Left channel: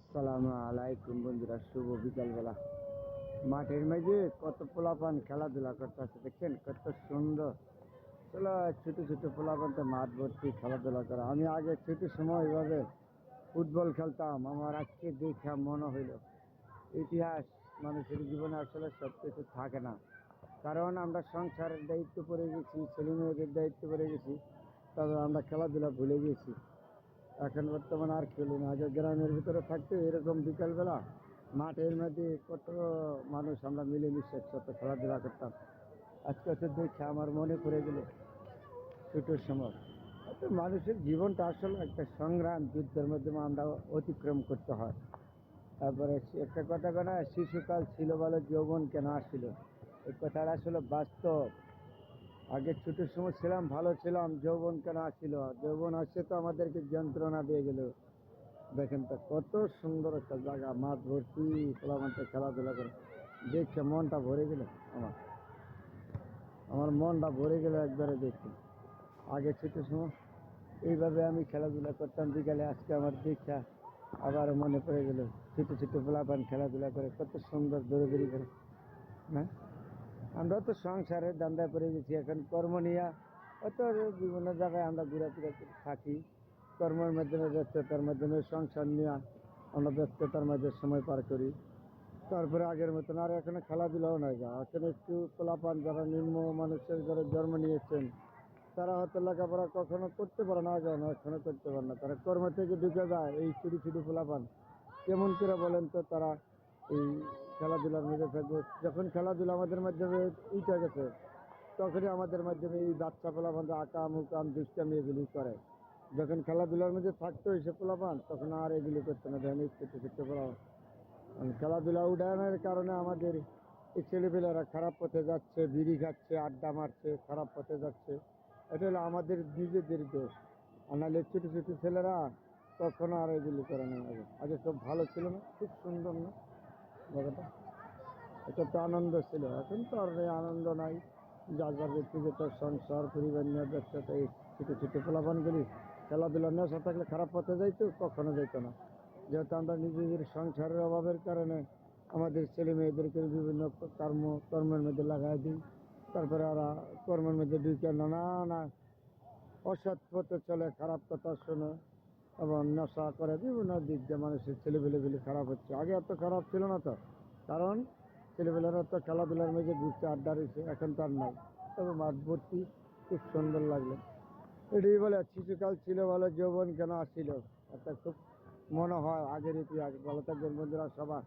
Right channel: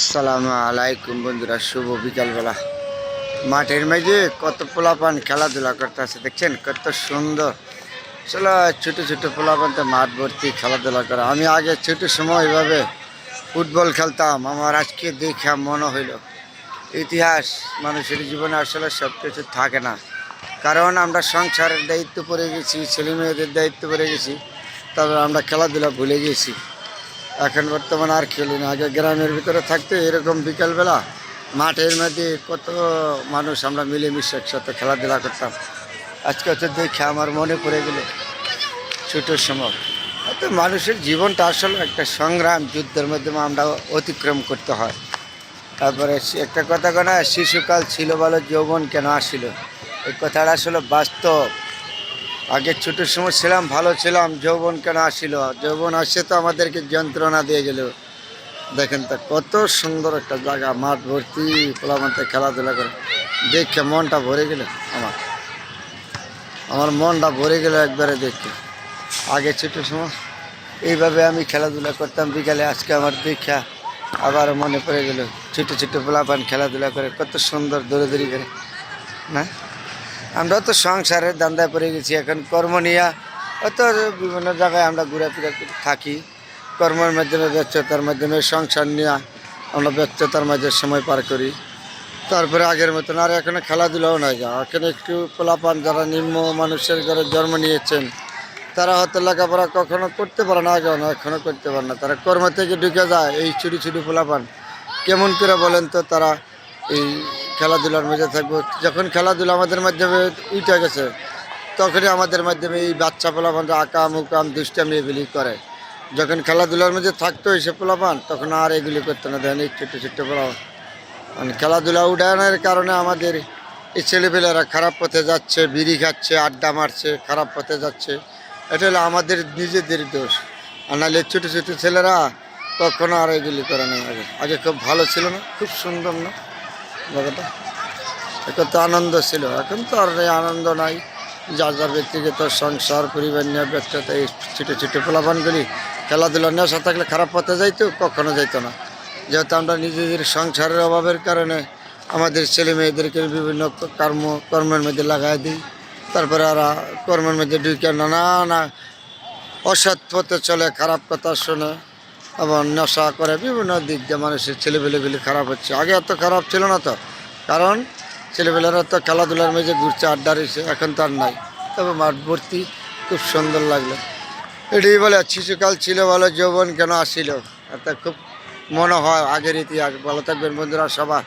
আসসালামু আলাইকুম বন্ধুরা, শুভ বিকালবেলা। মাঠের মাঝে কত পোলাপান খেলাধুলা করতেছে, দেখছেন কত সুন্দর। আসলে ছোট ছোট পোলাপান তো মাঠ ভর্তি খেলাধুলা করে। আমি আগে ছোট সময় এভাবে ফুটবল খেলতাম। আমার আজকে দেখা মনে হইল ইতিহাস মানুষের জীবনে আসলে সব কিছু থাকে না, কারণ আমরা সংসারের দায়িত্ব পড়ে গেছি, ছেলে মেয়েদের দায়িত্ব পড়ে গেছি, তবে আমরা খেলাধুলা ভুলে গেছি। এখন বর্তমানে আর খেলি না। আগে গ্রামের ভিতরে থাকতে এরকম বিকালবেলা মাঠের মধ্যে কত মানুষ আমরা মিলেমিশে একসাথে খেলাধুলা করতাম। আজকে হচ্ছে দেখে আমার মনে পড়ে গেল ছোটোর সময়। তো মানুষের জীবনটা আসলে একটা সংগ্রাম, যুদ্ধের মাধ্যমে আমরা অতিক্রম করতে হয়। তারপরে একটা কথা না, শিশুকাল ছিল বলো যৌবন কেন আসিল, এই কথাটা আসলে বাস্তব। আগে ছোটোর সময় ছিলাম, ভালো ছিলাম, যৌবন কেন আসিল? যৌবন আসে তো আমাদেরকে যন্ত্রণা দিয়ে গেল। দেখেন তো কত সুন্দর একটা জায়গা, মাঠ ভর্তি পোলাপানতে খেলাধুলা করে, দেখে মনটা ভরে গেল। আমার আমার মনটা ভরে গেল একবারে দেখে। আগে ছোটোর সময় এইভাবে আমি খেলাধুলা করতাম বিকালে, আজকে আমার দেখা আবার মনে পড়ে গেল ছোটো ছোটো পোলাপান খেলাধুলা করে কত সুন্দর দৌড়াদৌড়ি করে। না, আমরা তো সংসারের দান্দায় পড়ে গেছি, এখন কর্ম নিয়ে অত বিভিন্ন জায়গায় আমরা ঘোরাফেরা থাকি। কর্মের মাধ্যমে, ব্যস্ততার মাধ্যমে সংসার নিয়ে আমরা ব্যস্ততার মাঝে সময় পার করি। তারপরে আগের মতন আর এখানে খেলাধুলাও নাই যা। এখানে একটু পোলাপান যারা নিম্ন মানুষের ঘরে জন্ম নিয়েছেন, তারা হয়তো লেখাপড়া কখনো করতে পারে না, আগেও না, এখনও করতে পারে না। তারা কর্ম থেকে ঢুকে যায়। এই ছুটি ছুটি পোলাপান কেমন করে বলেন তো তারা এই খেলাধুলার মধ্যে থাকবো? যখন খেলাধুলা আমাদের মাধ্যমে উঠে গেছে, তখনই আমাদের মাধ্যমে এই বাচ্চা পোলাপানরা আকাম উকাম দুষ্টামি এগুলি করে। যখন খেলাধুলার মধ্যে থাকতো এইসব পোলাপান, তখন আর এগুলি করতো না। দেখেন এই ছোট্ট ছোট্ট পোলাপান মানে খেলাধুলা উঠানোর কারণে আমাদের এই ছেলেপেলেরা খারাপ পথে যাচ্ছে, বিড়ি খাচ্ছে, আড্ডা মারছে, খারাপ পথে যাচ্ছে। এটা হলো আমাদের নিজেদের দোষ। আর নাহলে ছোটো ছোটো ছেলেরা কখনো আর এগুলি করে না। আগে আগে খুব ভালো ছিল না, খুব সুন্দর না জায়গাটা, কত আনন্দ ছিল। এখন তো আর এই আনন্দ নাই। যার যার ব্যক্তিগত সংসার পরিবার নিয়ে ব্যস্ততা। এই ছোটো ছোটো পোলাপানগুলি খেলাধুলা নেশা থাকলে খারাপ পথে যাইতো, কখনো যাইতো না। যেহেতু আমরা নিজেদের সংসারের অভাবের কারণে আমাদের ছেলে মেয়েদেরকে বিভিন্ন কর্মের মধ্যে লাগাই দিই। তারপরে আর কর্মের মধ্যে ঢুকে না অসৎ পথে চলে, খারাপ কথা শোনে, আবার নেশা করে। বিভিন্ন দিক দিয়ে মানুষের ছেলেপেলেগুলি খারাপ হচ্ছে। আগে এত খারাপ ছিল না তো, কারণ ছেলেপেলেরা তো খেলাধুলার মেঝে ঘুরছে, আড্ডা রয়েছে। এখন তো আর নাই। তবে মাঠ ভর্তি খুব সুন্দর লাগলো। এটাই বলে শিশুকাল ছিল ভালো, যৌবন কেন আসিল। এটা খুব মনে হয় আগের ইতিহাস। ভালো থাকবেন বন্ধুরা সবাই।